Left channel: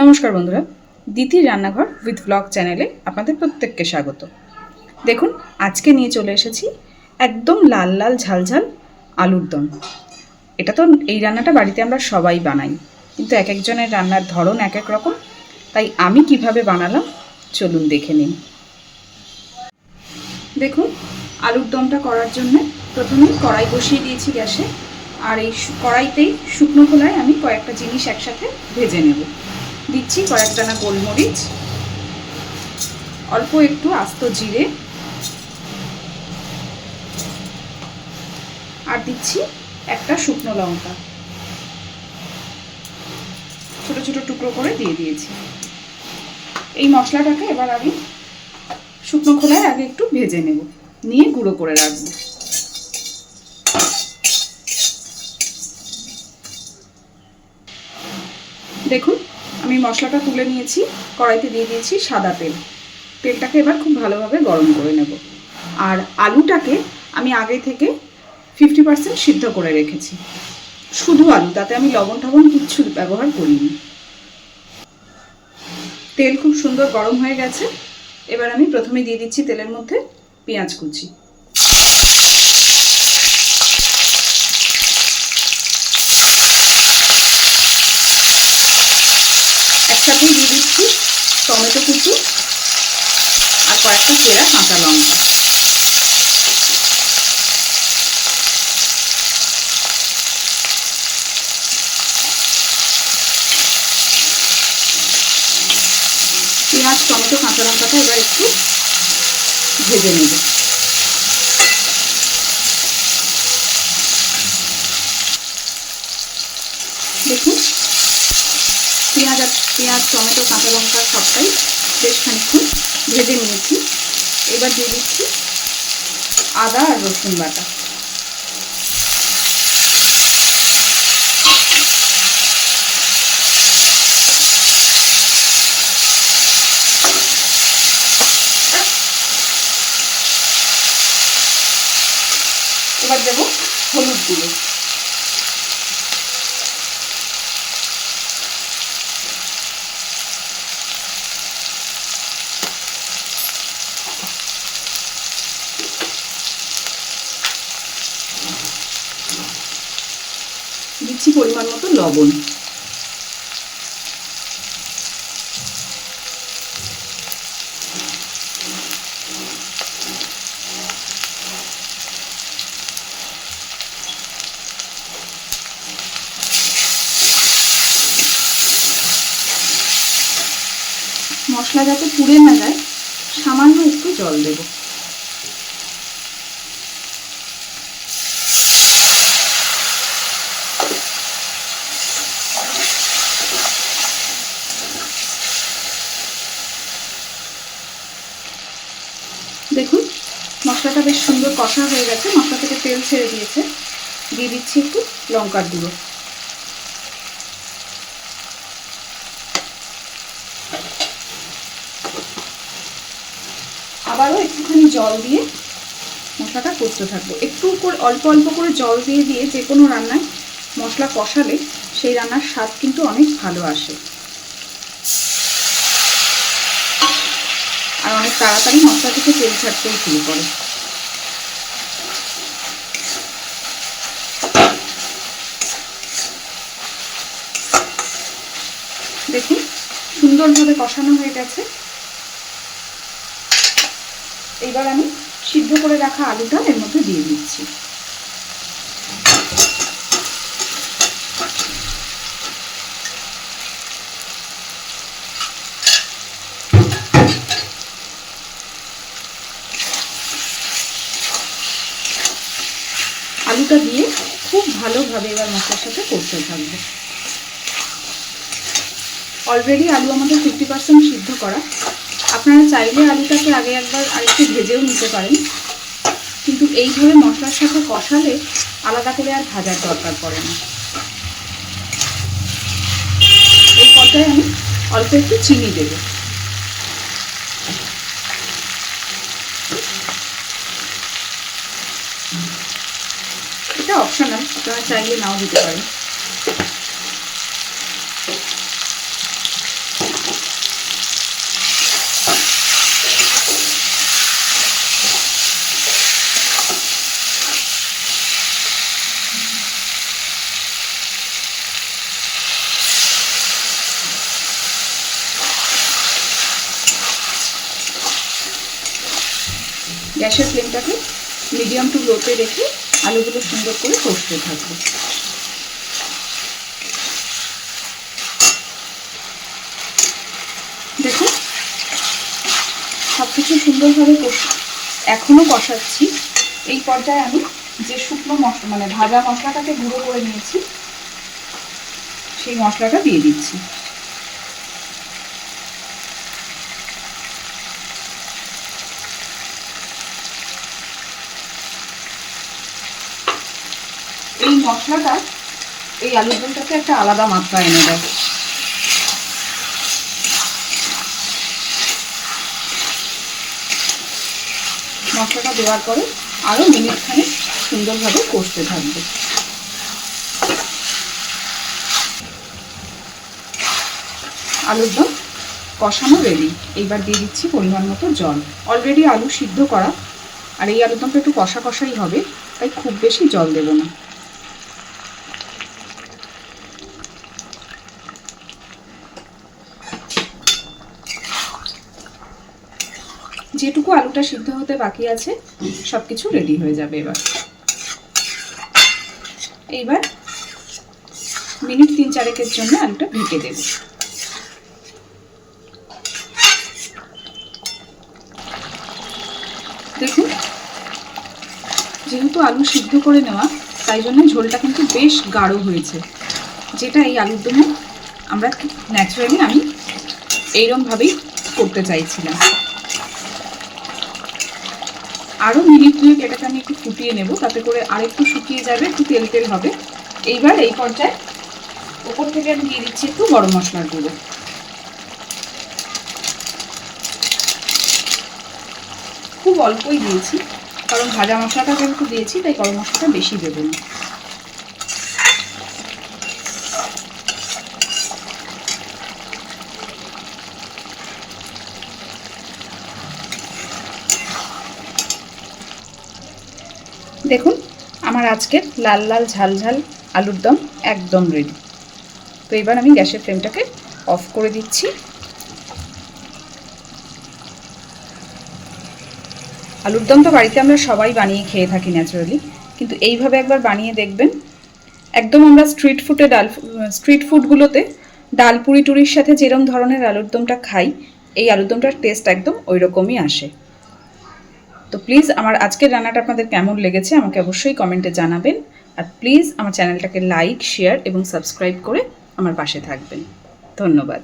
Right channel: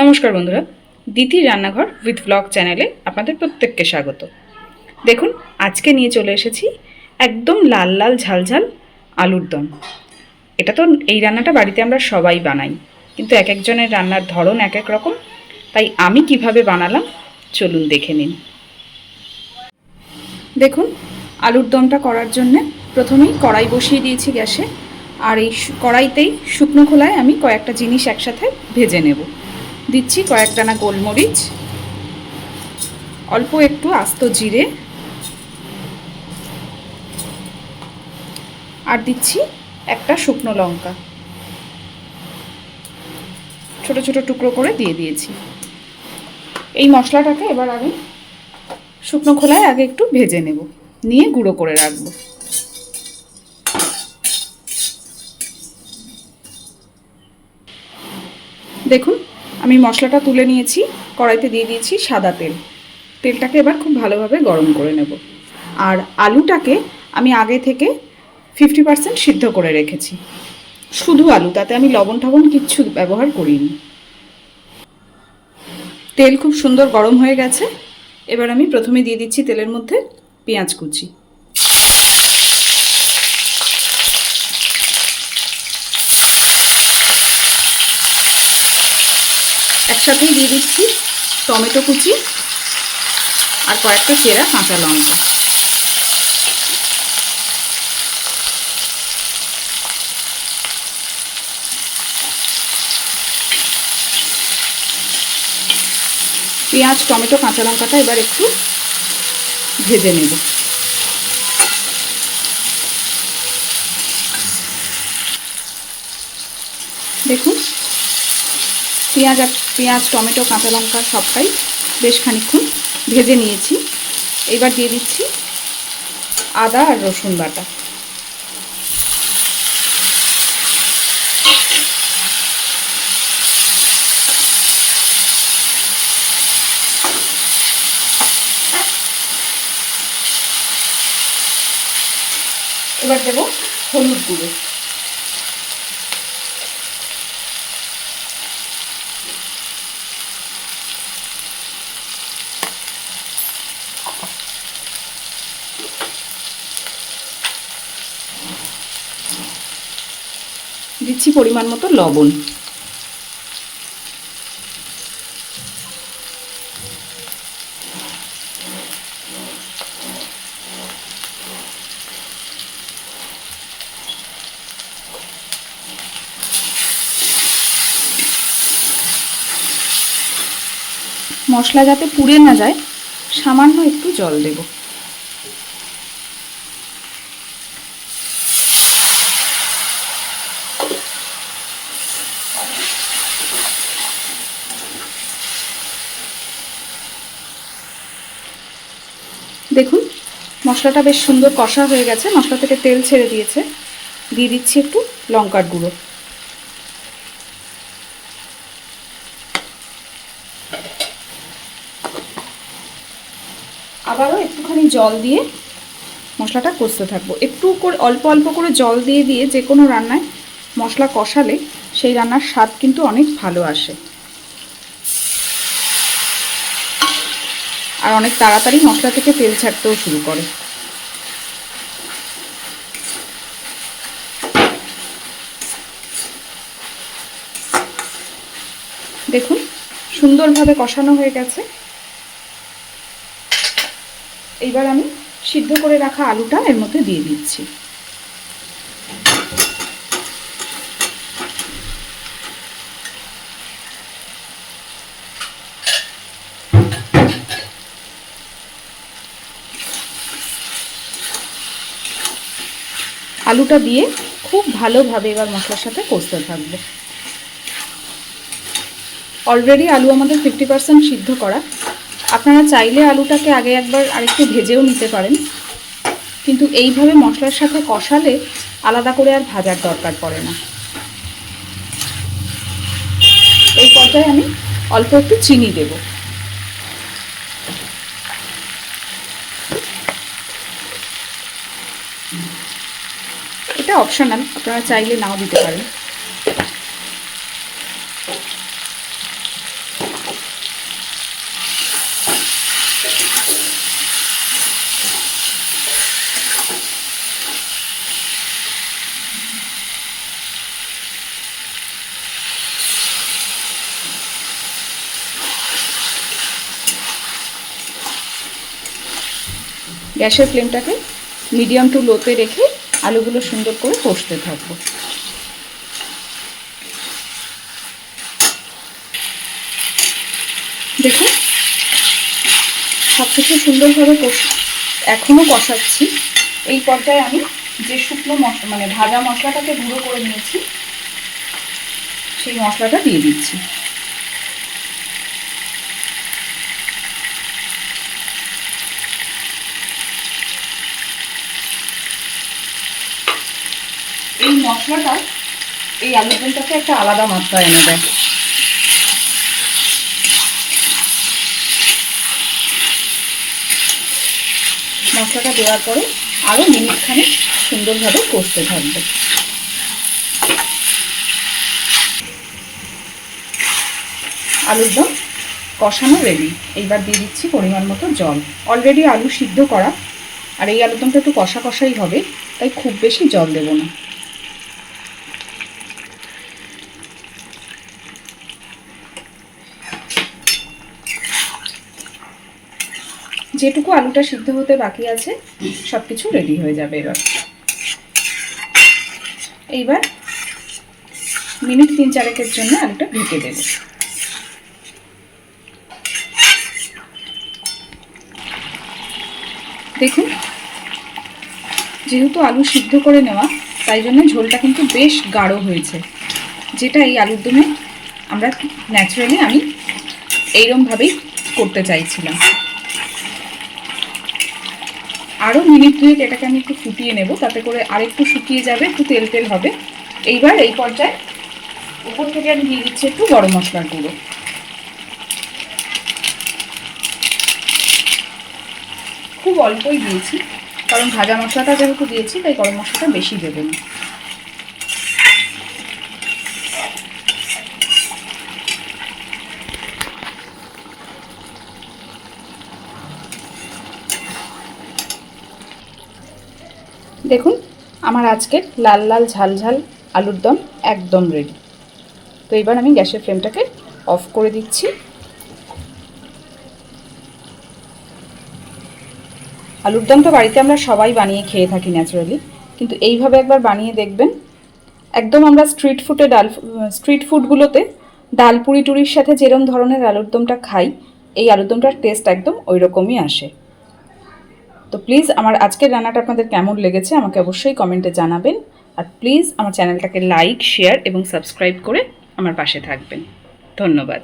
নমস্কার বন্ধুরা, দিতির রান্নাঘর উইথ ব্লগ চ্যানেলে আপনাদের প্রত্যেককে স্বাগত। দেখুন, আজকে নিয়ে চলে এসেছি একদম লাল লাল ঝালঝাল আলুর দম। এটা তো এই রান্নাটা বাড়িতে আমরা সবাই বানাই, কিন্তু এক একজনের রান্নার ধরন এক এক রকম। তাই আমি কিভাবে বানালাম চলুন দেখে নিন। দেখুন, আলুর দমটা করার জন্য প্রথমেই কড়াই বসিয়ে দিয়েছি গ্যাসে, আর এই কড়াইতেই শুকনো খোলায় আমি কয়েকটা জিনিস একসাথে ভেজে নেব। দিচ্ছি কয়েক দানা গোলমরিচ, অল্প একটু আস্ত জিরে, আর দিচ্ছি একটা শুকনো লঙ্কা ছোট ছোট টুকরো করে দিয়ে দিয়েছি। এই মশলাটাকে এবার আমি শুকনো খোলায় আগে একটু ভেজে নেব, নিয়ে গুঁড়ো করে রাখবো। দেখুন, আমি মশলাটা তুলে নিয়েছি, কড়াইতে দিয়ে দিয়েছি সাদা তেল। তেলটাকে এবার খুব ভালোভাবে গরম করে নেব। আর আলুটাকে আমি আগে থেকে 50% সিদ্ধ করে রেখেছি, শুধু আলু, তাতে আমি লবণ টবণ কিচ্ছু ব্যবহার করিনি। তেল খুব সুন্দর গরম হয়ে গেছে। এবার আমি প্রথমে দিয়ে দিচ্ছি তেলের মধ্যে পেঁয়াজ কুচি, একসাথে দিয়ে দিচ্ছি টমেটো কুচি আর কয়েকটা চেরা কাঁচা লঙ্কা। পেঁয়াজ টমেটো কাঁচা লঙ্কাটা এবার একটু ভেজে নেব। দেখুন, পেঁয়াজ টমেটো কাঁচা লঙ্কা সবটাই বেশ খানিকক্ষণ ভেজে নিয়েছি। এবার দিয়ে দিচ্ছি আদা আর রসুন বাটা। এবার দেব হলুদ গুঁড়ো, দিচ্ছি পরিমাণ মতো লবণ। মশলা যাতে পুড়ে না যায়, সামান্য একটু জল দেব। দেখুন, মশলাটা বেশ সুন্দর কষা হয়ে গেছে, মশলা থেকে তেল ছেড়ে দিয়েছে। দিয়ে দিচ্ছি একটু লঙ্কার গুঁড়ো, আবারও একটুখানি জল দিয়ে মশলাটা কষতে থাকবো। একটু করে অল্প অল্প করে জল দিয়ে দিয়ে যে কোনো রান্নায় মশলা কষালে সেই রান্নার স্বাদ কিন্তু অনেক ভালো আসে, আর অনেক তাড়াতাড়ি মশলা থেকে তেল ছাড়তেও শুরু করে। দেখুন, সুন্দরভাবে কষানো হয়ে গেছে। এইবার আমি সিদ্ধ করে রাখা আলুটা এর মধ্যে দিয়ে দিচ্ছি। আলুটা দিয়ে খুব ভালোভাবে এবার মশলার সাথে কষতে থাকবো। অলরেডি আলু আমাদের 50% সিদ্ধ করা। আপনারা চাইলে আলুটাকে আগে একবার আরেকটু ভেজেও নিতে পারেন, কিন্তু এইভাবে মশলার সাথে কষালে আলাদা করে আর ভাজার দরকার পড়ে না। এই পর্যায়ে আমি অল্প একটু চিনি দেব। এটা অপশনাল, আপনারা চাইলে নাও দিতে পারেন। গ্যাসের ফ্লেমটাকে মিডিয়াম টু লোতে রেখে আলুগুলো সুন্দর করে কষতে থাকবো। দেখুন সব কিছু সুন্দরভাবে এখনও কষাচ্ছি। এই পর্যায়ে আমি যে শুকনো মশলা মানে ভাজা মশলাটাকে গুঁড়ো করে নিয়েছি সেই মশলাটা দিয়ে দিচ্ছি। এই মশলাটা এই আলুর দমটাকে একটা আলাদা মাত্রা এনে দেয়। মশলাটা দেওয়ার পরে আরও মিনিটখানে সুন্দরভাবে কষতে থাকবে। আলুর দম কষানো রেডি। এইবার দিয়ে দিচ্ছি পরিমাণ মতো জল। অলরেডি আলু সিদ্ধ করা, আর এই আলুর দমটা একটু কষা কষাই হবে, তাই খুব বেশি জল দেব না। যেটুকু আলুটা সিদ্ধ হতে বাকি আছে সব কিছু রেডি হয়ে যাবে। এইবার মিনিট 3-4 জন্য আলুটা ঢেকে দেব। দেখুন যেহেতু আলু সিদ্ধ করে নেওয়া, তাই জন্য ঝোলটা কিন্তু বেশ গাঢ় হয়েছে, যেটা এই আলুর দমে আমরা ন্যাচারালি আমি এইরকমভাবেই করতে চাইছিলাম। আরও মিনিট 2 এটাকে আমি একটু ফুটিয়ে নেব, তাতে করে আরেকটু শুকিয়ে যাবে, একটু তেল তেল হবে। এইবার এই পর্যায়ে উপর থেকে আমি দিয়ে দিচ্ছি একটু গরম মশলার গুঁড়ো। খুব অল্পই দিয়েছি, কারণ ভাজা মশলাটা যেহেতু দিয়েছি তাই গরম মশলাটা বেশি দেবো না। দেখুন আমার আজকের লাল লাল ঝাল ঝাল আলুর দম একদম রেডি। তো এবার আমি গ্যাসের ফ্লেমটাকে অফ করে দিচ্ছি। আলুর দম তো বাড়িতে আমরা সবাই বানিয়ে খেয়ে থাকি ন্যাচারালি, কিন্তু এইভাবে একবার বানিয়ে দেখবেন। একদম আমরা স্ট্রিট ফুডগুলোতে ডাল পুরি টুরির সাথে যেরকম ধরনের আলুর দমটা খাই, এই আলুর দমটার টেস্ট একদম ওই রকমই আসে। তো প্লিজ আমার আজকের রান্নাটা আপনাদের কেমন লেগেছে আমাকে অবশ্যই কমেন্টে জানাবেন। আর প্লিজ আমার চ্যানেলটাকে লাইক, শেয়ার এবং সাবস্ক্রাইব করে আমার পাশে থাকবেন। ধন্যবাদ।